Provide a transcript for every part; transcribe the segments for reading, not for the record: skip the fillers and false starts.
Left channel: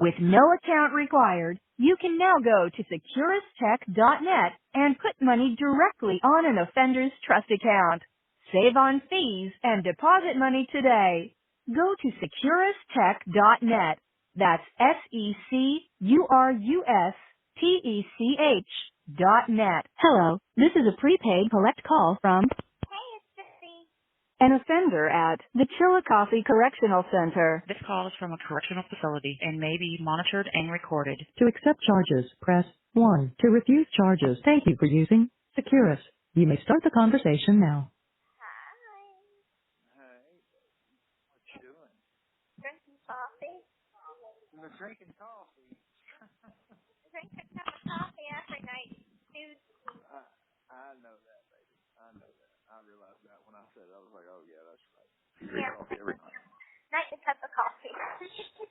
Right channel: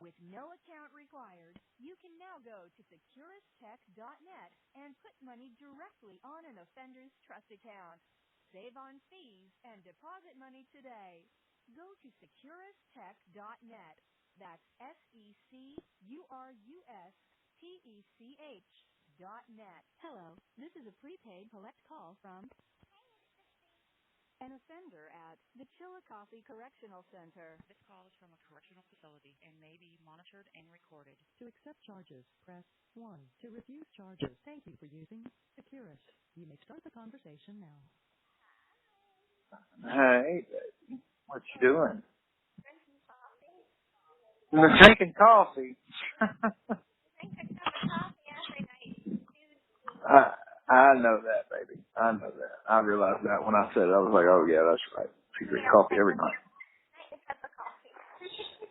With no account required, you can now go to securistech.net and put money directly on an offender's trust account. Save on fees and deposit money today. Go to securistech.net. That's SECURUSTECH.net. Hello, this is a prepaid collect call from an offender at the Chillicothe Correctional Center. This call is from a correctional facility and may be monitored and recorded. To accept charges, press 1. To refuse charges, thank you for using Securus. You may start the conversation now. Hey, what you doing? Drinking coffee. Drinking coffee. Drink a cup of coffee every night, dude. I know that, baby. I know that. I realized that when I said it. I was like, oh, yeah, that's right. She drinks coffee every night. Nightly cup of coffee.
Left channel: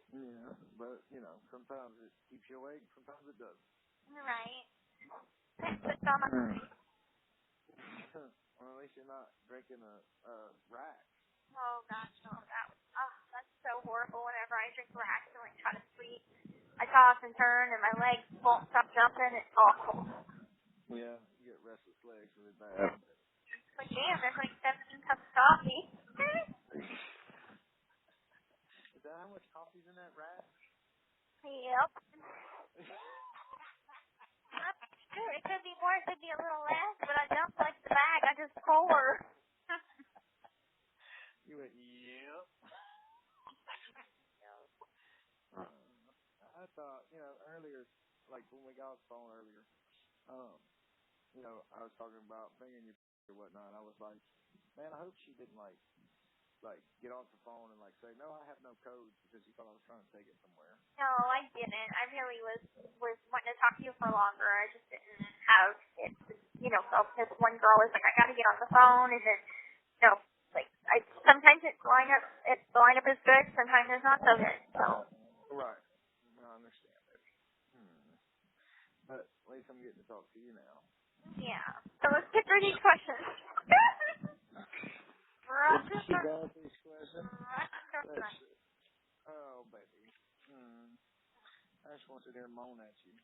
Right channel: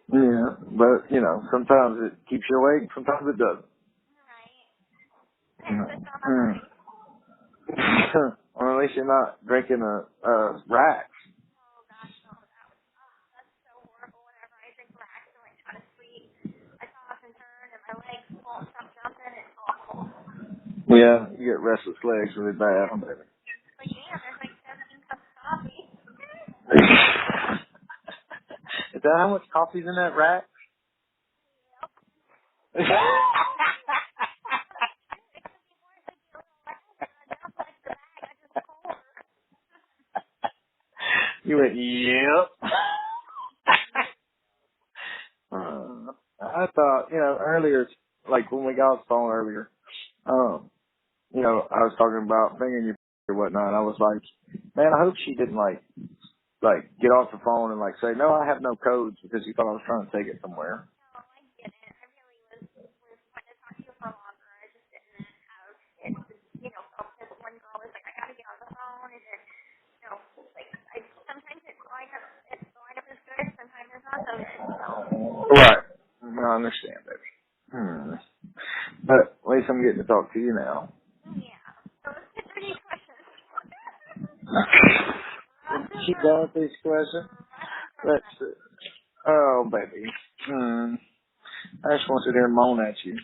Yeah, but, you know, sometimes it keeps you awake, sometimes it doesn't. Right. That's on my mind. Or at least you're not drinking a Rax. Oh, gosh, no. That's so horrible. Whenever I drink Rax and, like, try to sleep, I toss and turn and my legs won't stop jumping. It's awful. Yeah, you get restless legs really bad, baby. Like, damn, there's like 17 cups of coffee. Is that how much coffee's in that Rack? Yep. Sure, it could be more, it could be a little less, but I don't like the bag. I just pour. You went, yep. I thought, you know, earlier, like when we got off the phone earlier, you know, I was talking about fingering your or whatnot. I was like, man, I hope she didn't like get off the phone and like say, no, I have no codes because you thought I was trying to take it somewhere. No, I didn't. I really was wanting to talk to you for longer. I just didn't have it. You know, so this one girl was like, I got to get on the phone, and then, you know, like sometimes the lineup is good, sometimes it's not so good. So. Right. I understand, baby. But at least I'm getting to talk to you now. Yeah. So let's get through these questions. Is she done with these questions? Let's see. Oh, baby. I just want to sit there and moan at you.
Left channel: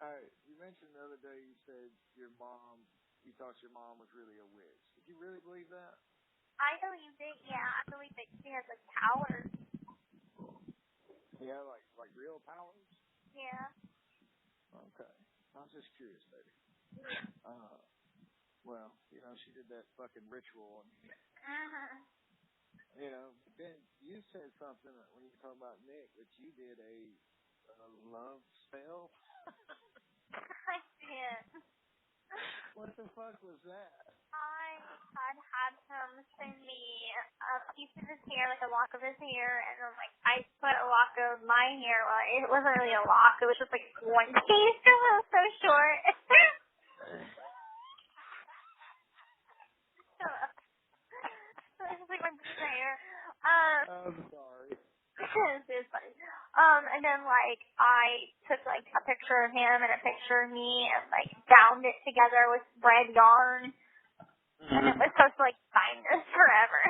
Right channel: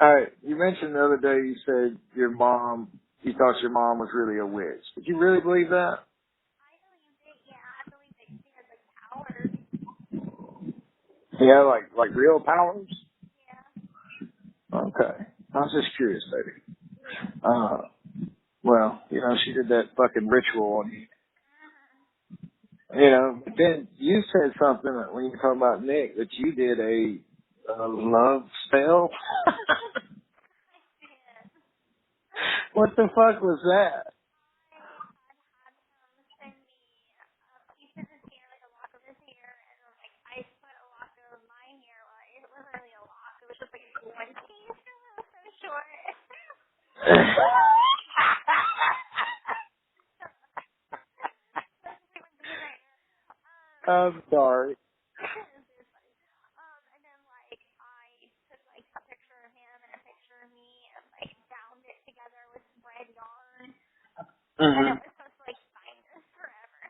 All right. You mentioned the other day you said you thought your mom was really a witch. Did you really believe that? I believe it, yeah. I believe that she has, like, powers. Yeah, like real powers? Yeah. Okay. I was just curious, baby. Well, you know, she did that fucking ritual on you. You know, but then you said something when you were talking about Nick that you did a love spell. I did. What the fuck was that? I had him send me a piece of his hair, like a lock of his hair, and then, like, I put a lock of my hair. Well, it wasn't really a lock. It was just, like, one piece because it was so short. So it was just, like, one piece of hair. I'm sorry. It was funny. And then, like, I took, like, a picture of him and a picture of me and, like, bound it together with red yarn. And it was supposed to, like, bind us forever.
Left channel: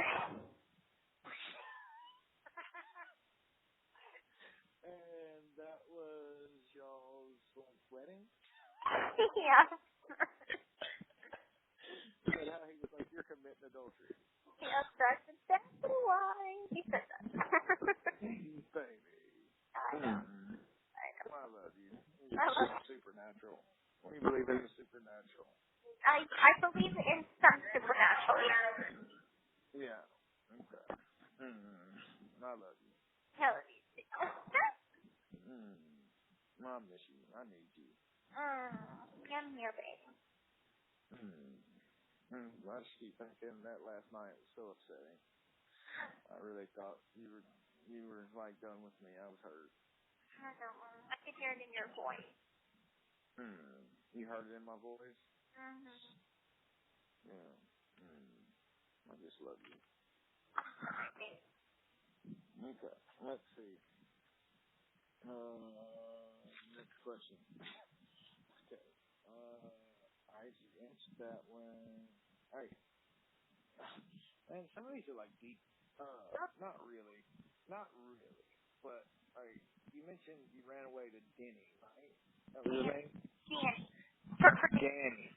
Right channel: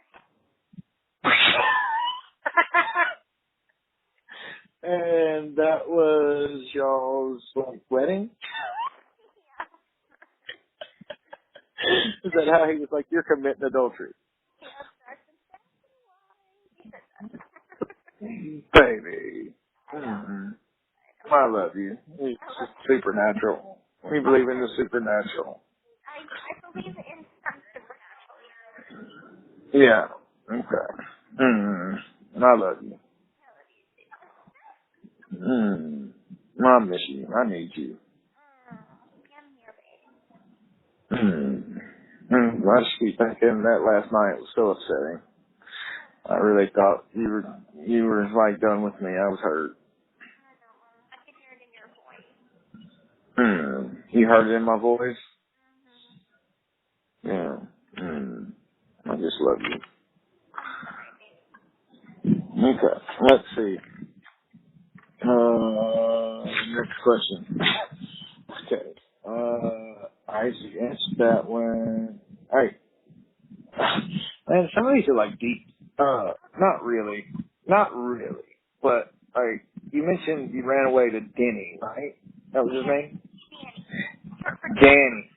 And that was y'all's, like, wedding? Yeah. Is that how he was like, you're committing adultery? Yep, that's exactly why he said that. Baby. I know. I love you. It's just supernatural. We believe in the supernatural. I believe in some supernatural, yeah. Yeah. Okay. I love you. I love you too. I miss you. I need you. I'm here, baby. I just keep thinking that last night was so upsetting. I really thought you were like done with me. I was hurt. I know. I could hear it in your voice. You heard it in my voice? Mm-hmm. Yeah. I just love you. I'm sorry, baby. Okay. Let's see. Next question. Okay. I answered that one. Alright. Man, some of these are like deep. Not really. not really, but like you mentioned, you ran away to Denny, right? That was his name. Danny. For Danny.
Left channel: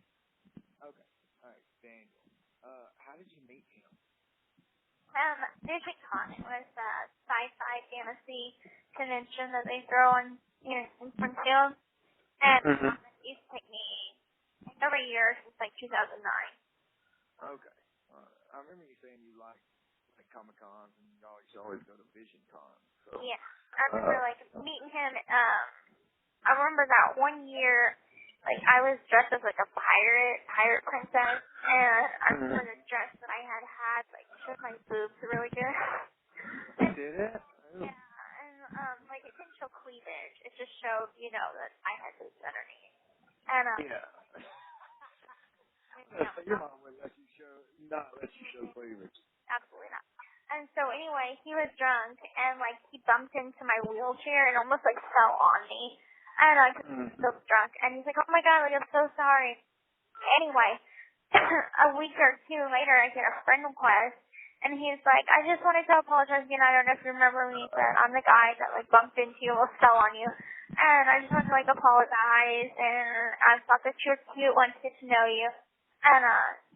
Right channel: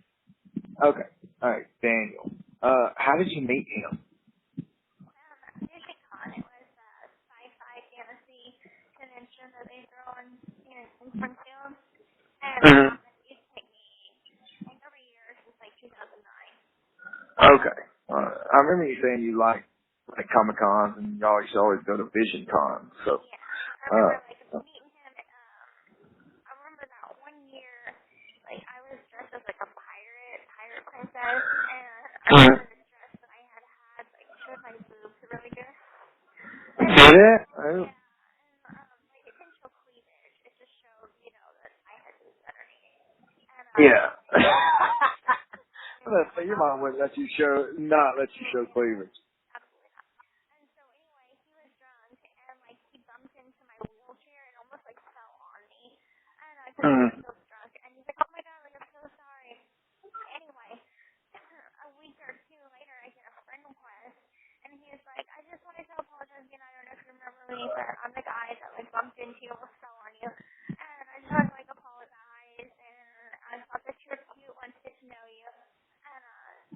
Okay. All right, Daniel. How did you meet him? VisionCon. It was a sci-fi fantasy convention that they throw in Springfield, and it used to take me every year since like 2009. Okay. I remember you saying you like Comic Cons and you always go to VisionCon. So yeah, I remember meeting him. I remember that one year, like I was dressed as like a pirate princess, and I remember the dress that I had like showed my boobs really good. Did it? Yeah, and like it didn't show cleavage. It just showed, that I had boobs underneath. And yeah. So your mom wouldn't let you show cleavage. Absolutely not. And so anyway, he was drunk and like he bumped into my wheelchair and almost like fell on me. And because he was so drunk, and he's like, "Oh my God, like I'm so sorry." Anyway, a week or two later, I get a friend request, and he's like, "I just wanted to apologize again. I don't know if you remember me, but I'm the guy that like bumped into you, almost fell on you, and I just wanted to like apologize, and I thought that you were cute, wanted to get to know you." And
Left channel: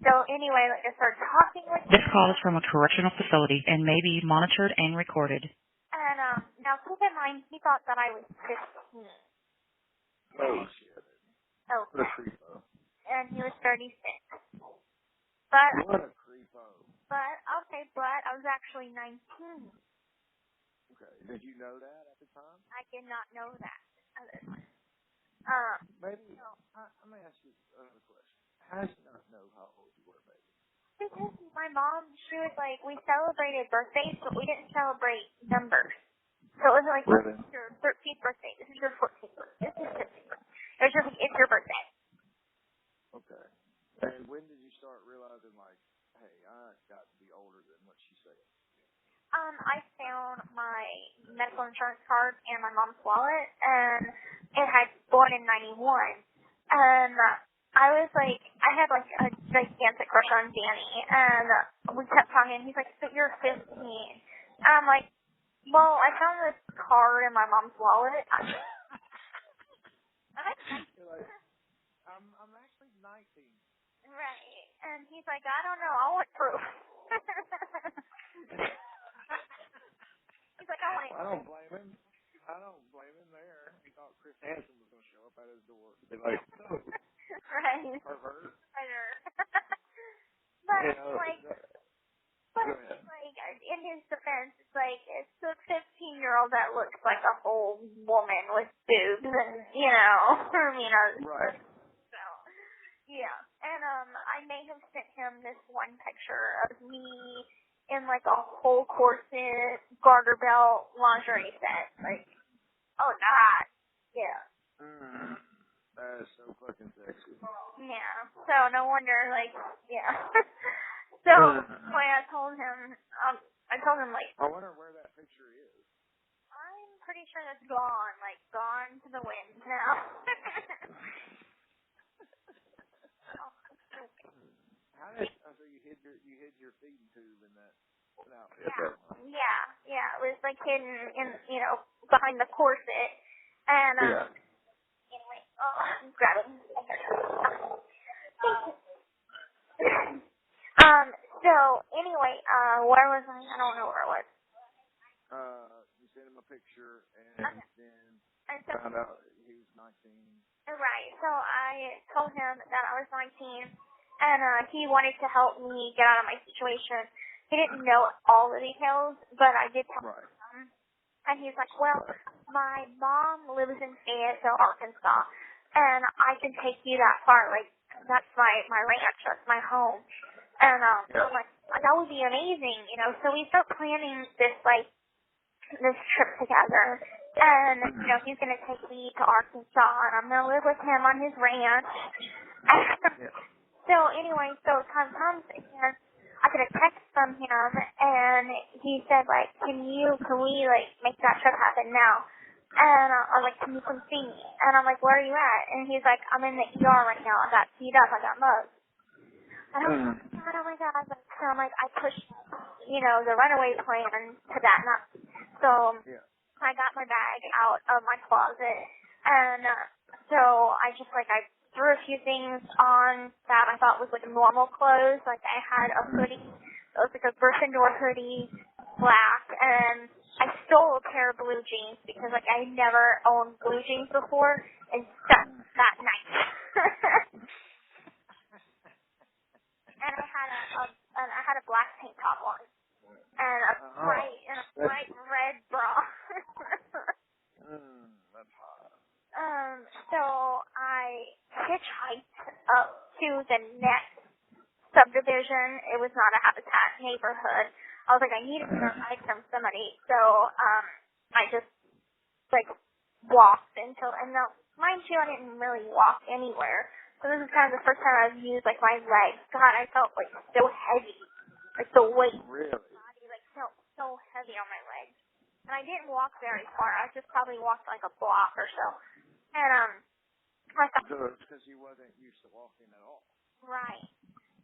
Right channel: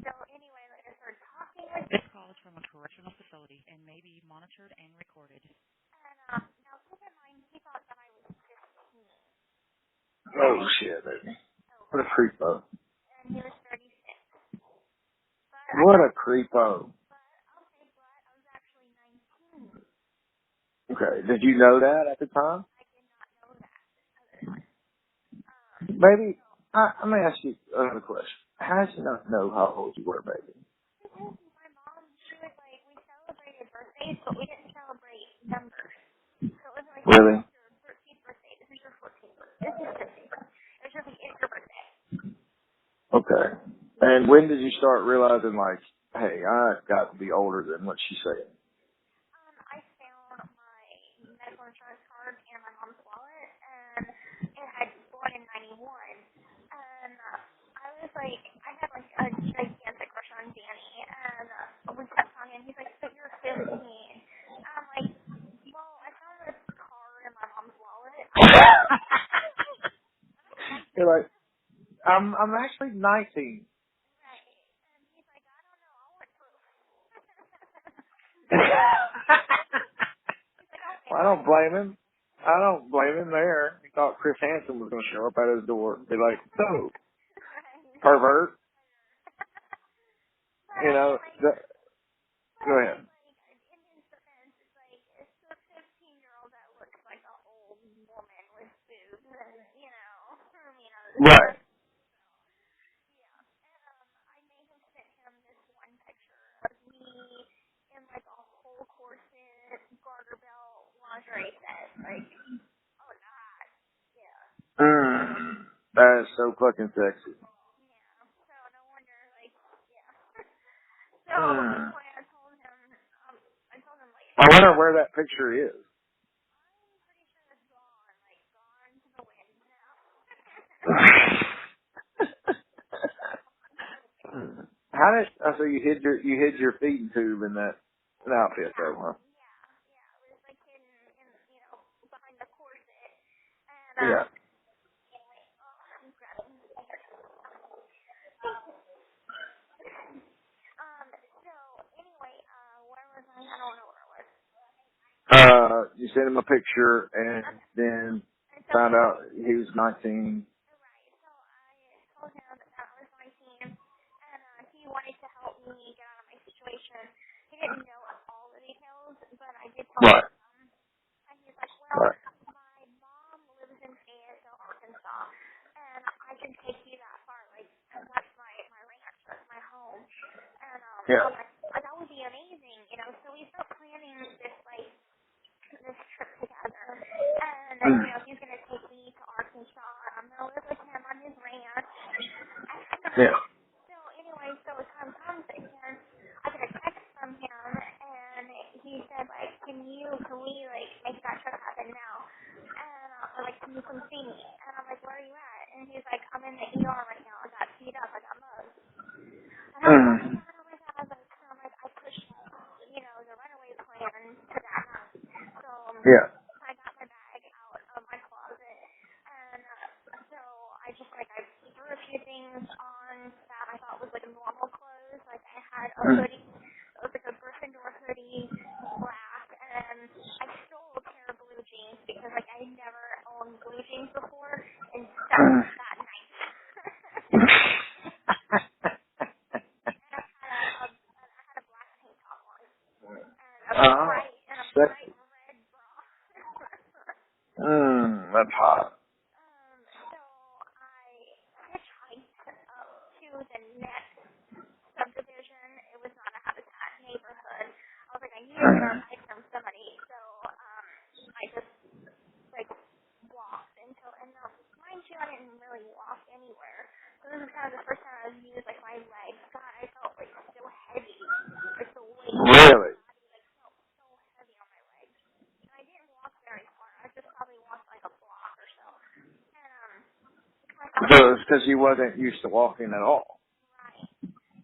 so anyway, like I started talking with This him. call is from a correctional facility and may be monitored and recorded. And now keep in mind, he thought that I was 15. Oh shit, baby. Okay. What a creepo. And he was 36. But what a creepo. But I was actually 19. Okay. Did you know that at the time? I did not know that at the time. Baby, I'm going to ask you another question. How did you not know how old you were, baby? Because my mom, she was like, we celebrated birthdays, but we didn't celebrate numbers. So it wasn't like, really? This is your 13th birthday, this is your 14th birthday, this is your 15th birthday. It was just like, it's your birthday. Okay. And when did you start realizing, like, hey, I got to be older than what she said? I found my medical insurance card in my mom's wallet, and it had born in 91. And I was like, I had like a gigantic crush on Danny, and we kept talking. He's like, "But you're 15." And I'm like, "Well, I found this card in my mom's wallet." You're like, I'm actually 19. Right. And he's like, "I don't know. I want proof." He's like, Well, I don't blame him. There. He thought Chris Hansen was going to show up at his door and be like, "So, right. pervert." But you know, go ahead. Like, in his defense, it's a 15-year-old that looks like a whole woman with boobs, and Right. So, yeah. And I may have sent him this one picture of me in like a whole corset, garter belt, lingerie set. Like, oh God, yeah. That is so fucking sexy. Yeah. So no wonder, yeah. So anyway, I told him like. I wonder where that picture is. I'm pretty sure that's gone to the wind now. So you hid your feeding tube in that outfit though, huh? Yeah. It was like hidden in behind the corset, and anyway, I'm grabbing. So anyway, where was I? I don't know where I was. You sent him a picture and then found out he was 19. Right. So I told him that I was 19, and he wanted to help me get out of my situation. He didn't know all the details, but I did tell him some. And he's like, "Well, my mom lives in Fayetteville, Arkansas, and I can take you that far. Like, that's my ranch, that's my home." And I'm like, that would be amazing, So we start planning this trip together, and he's gonna take me to Arkansas, and I'm gonna live with him on his ranch. So anyway, time comes, and I get a text from him, and he said can we make that trip happen now? And I'm like, "Can you come see me?" And I'm like, "Where are you at?" And he's like, "I'm in the ER right now. I got beat up. I got mugged." And I'm like, oh my God. So I'm like, I pushed, the runaway plan to that. So Yeah. I got my bag out of my closet, and so I just I threw a few things on that I thought was normal clothes. Like I had a hoodie, it was a Gryffindor hoodie, black, and I stole a pair of blue jeans because I never owned blue jeans before, and that night. And I had a black tank top on, and a bright red bra. That's hot. So I hitchhiked up to the next subdivision. It was not a Habitat neighborhood. I was I needed to get a ride from somebody, so I just walked until, and now, mind you, I didn't really walk anywhere. So this is kind of the first time I've used my legs. God, I felt so heavy, the weight Really? of my body felt so heavy on my legs. And I didn't walk very far. I just probably walked a block or so. And I thought, So it's because you wasn't used to walking at all. right.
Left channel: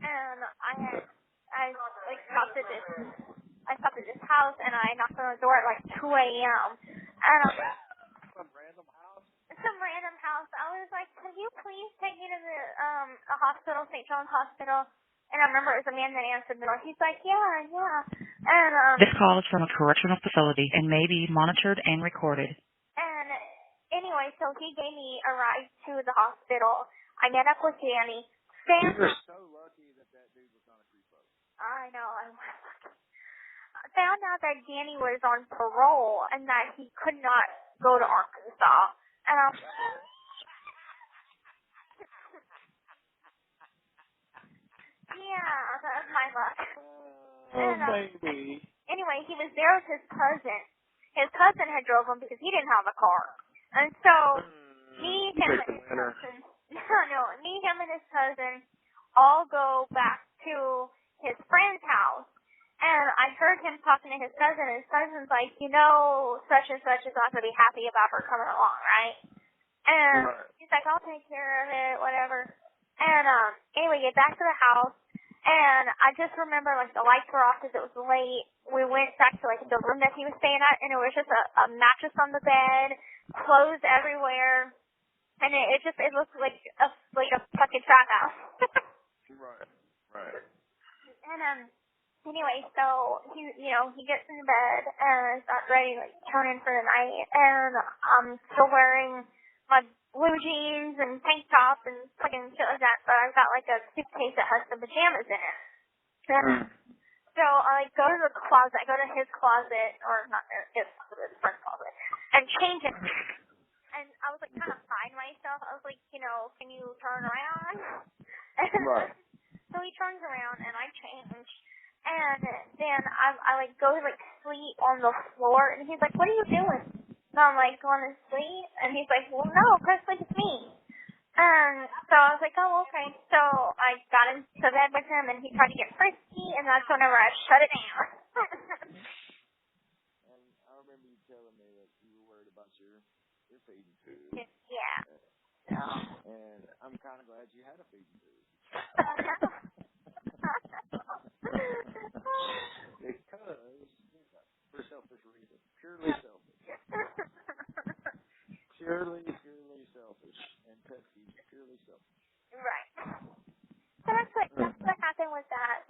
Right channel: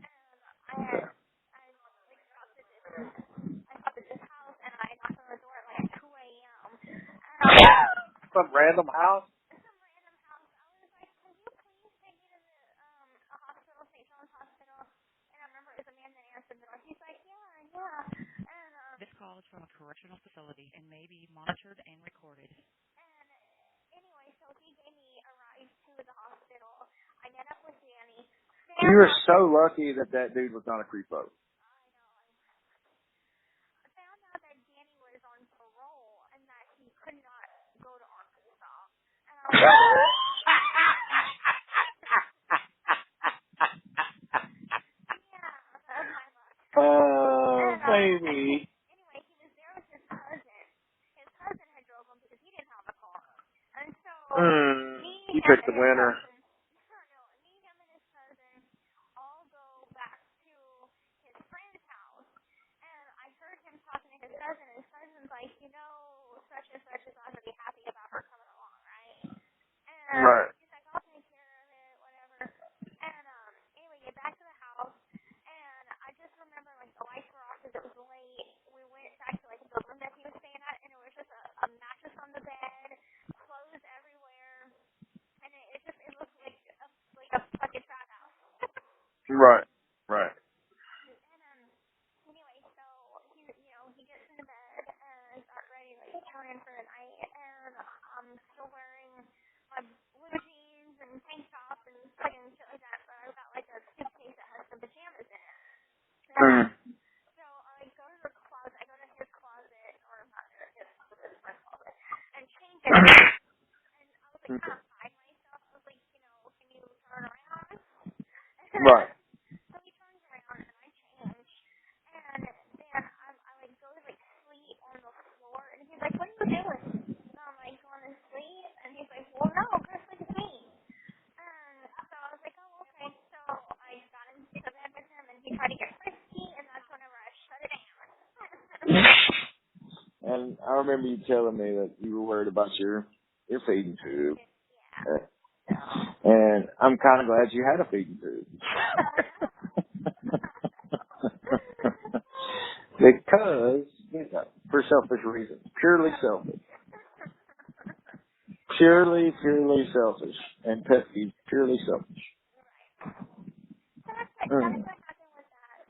And I stopped at this house, and I knocked on the door at 2 a.m. And I was Some random house? some random house. I was can you please take me to the a hospital, St. John's Hospital? And I remember it was a man that answered the door. He's yeah. And This call is from a correctional facility and may be monitored and recorded. And anyway, so he gave me a ride to the hospital. I met up with Danny. You were so lucky that dude was not a creepo. I know. I found out that Danny was on parole and that he could not go to Arkansas. And I was yeah, that was my luck. Oh, And, baby. Anyway, he was there with his cousin. His cousin had drove him because he didn't have a car. And so, me, you him, picked and the his winner. cousin, me, him, and his cousin all go back to his friend's house. And I heard him talking to his cousin, and his cousin's such and such is not going to be happy about her coming along, right? And he's I'll take care of it, whatever. And anyway, get back to the house, and I just remember the lights were off because it was late. We went back to the room that he was staying at, and it was just a mattress on the bed, clothes everywhere, and it looked like a fucking trap house. Right. And anyway, so he gets into bed and starts ready to turn in for the night, and I'm still wearing my blue jeans and tank top and fucking shit like that, but I've got a suitcase that has some pajamas in it. And so I go to the closet, I go to his closet, or not his closet, his friend's closet, and change it. And I was kind of beside myself. I was can you turn around? Right. So he turns around and I change. And then I go to sleep on the floor, and he's what are you doing? And I'm going to sleep, and he's well, no, go to sleep with me. And so I was oh, okay. So I got into bed with him, and he tried to get frisky, and that's whenever I shut it down. And I remember you telling me that you were worried about your feeding tube. Yeah. And I'm kind of glad you had a feeding tube. Because, for selfish reasons. Purely selfish. Purely selfish. And pet peeve, purely selfish. Right. So that's what happened with that.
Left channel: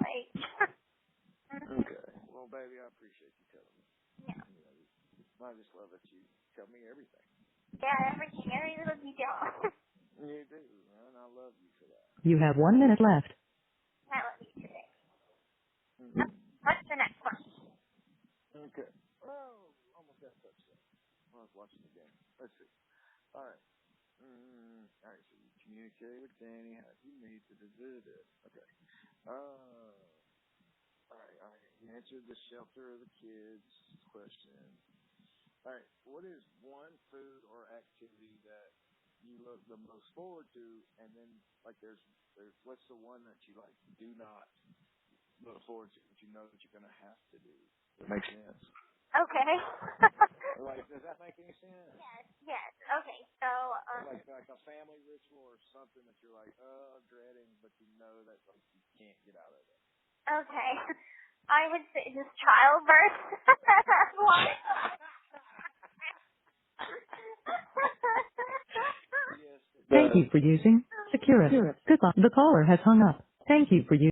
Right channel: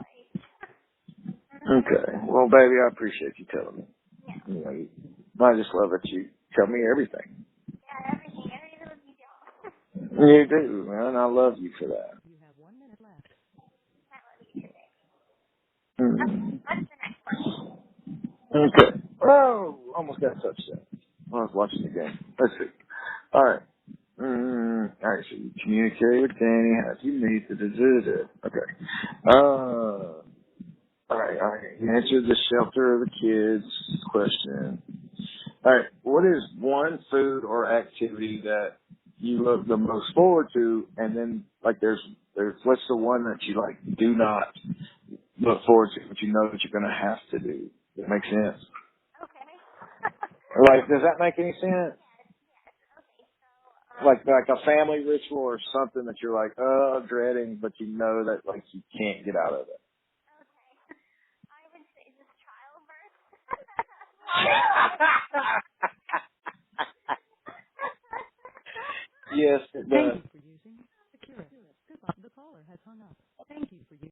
Okay. Well, baby, I appreciate you telling me. Yeah. I just love that you tell me everything. Yeah, everything. Every little detail. You do, man. I love you for that. You have 1 minute left. I love you today. What's the next one? Okay. Oh, almost got a touchdown. I was watching the game. Let's see. All right. All right, so you communicate with Danny. How do you meet? Okay. All right. You answered the shelter of the kids question. All right. What is one food or activity that you look the most forward to? And then, there's what's the one that you, do not look forward to, but you know that you're going to have to do? That makes sense. Okay. Does that make any sense? Yes. Okay. So. Like a family ritual or something that you're dreading, but you know that you can't get out of it. Okay. I would say just childbirth. Yes, it does. Thank you for using Securus. Goodbye. The caller has hung up. Thank you for using